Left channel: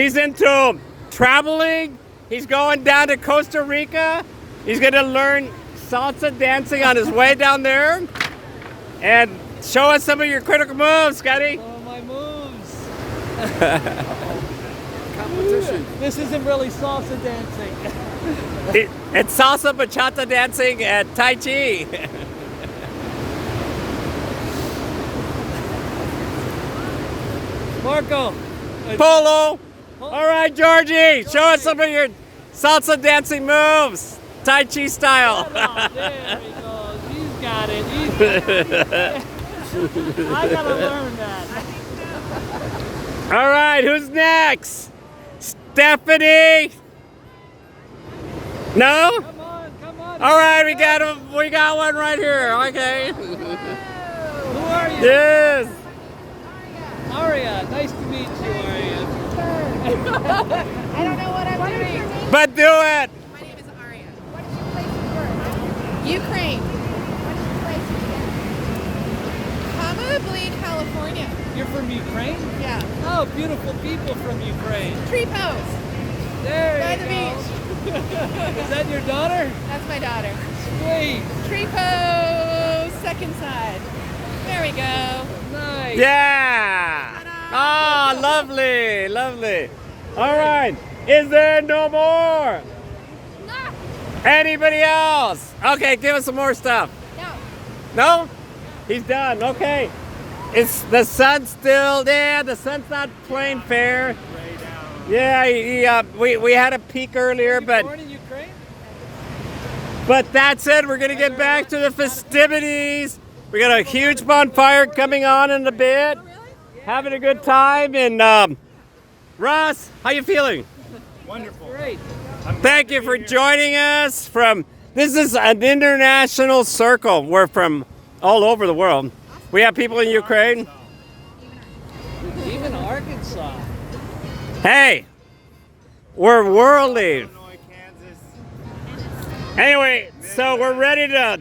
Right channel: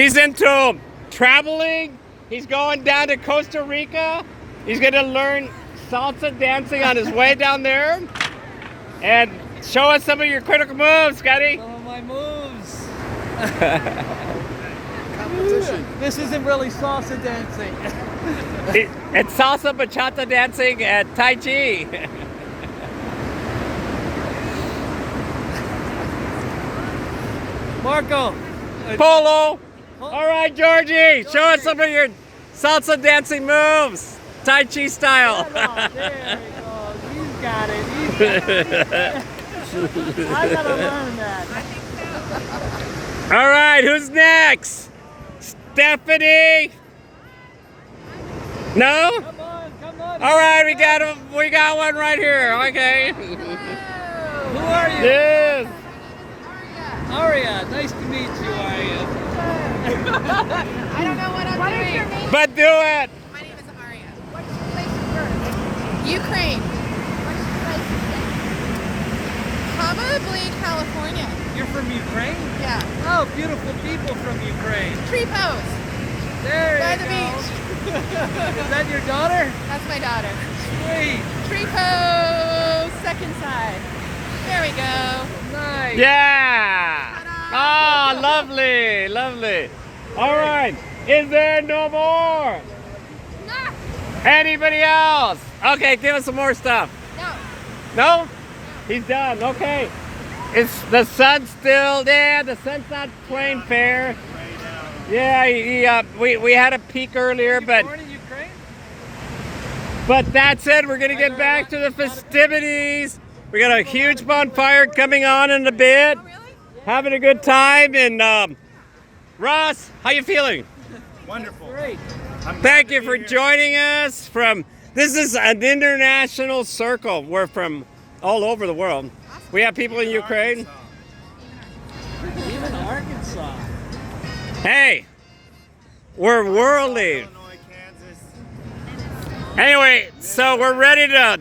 He's into traveling. He's going down to Costa Rica. He's going to learn salsa dancing on his way down there. And show us some of your critical moves, Scotty. Some of my moves. This isn't really salsa dancing. It's salsa bachata dancing at Tai Chi. Marco. Polo. All right, Georgie. Show us some of your salsa dancing moves. Tai Chi style. Oh, there we go. You got it. You got it. I gotta learn that. All right, who's next? Stephanie? No? Come on. All right, we got one right here. Okay. Who are you? Yes. Aria. Nice to meet you, Aria. I don't know what I'm doing. But do it. My name is Aria. What's your place of birth? Ukraine. What's your place of birth? Probably California. You're from Ukraine? Yeah. Oh, beautiful people from Ukraine. Tree pose. There By you the go. beach. Is that your daughter? That's my daughter. Sweet. Tree pose. Second side. There we go. Nice. Yeah. Ah, lovely, lovely. All right. Is there no more? Anybody else? Okay, give us some more stuff. No. No? He's done. Okay. It's the sun's still there. The sun's not playing fair. Yeah, we had a peak earlier, but Born in Ukraine? that's it. We're gonna get back to the festivities. We got a huge bonfire coming on in a bit. Having a good time. And Russ, how you feeling? Wonderful. Great. Thank you for joining us from. This is an international circle. We're from all over the world. We have people in Ukraine. Even Arkansas. Hey, we're worldly. Illinois, Kansas. Anyway, so we're ready to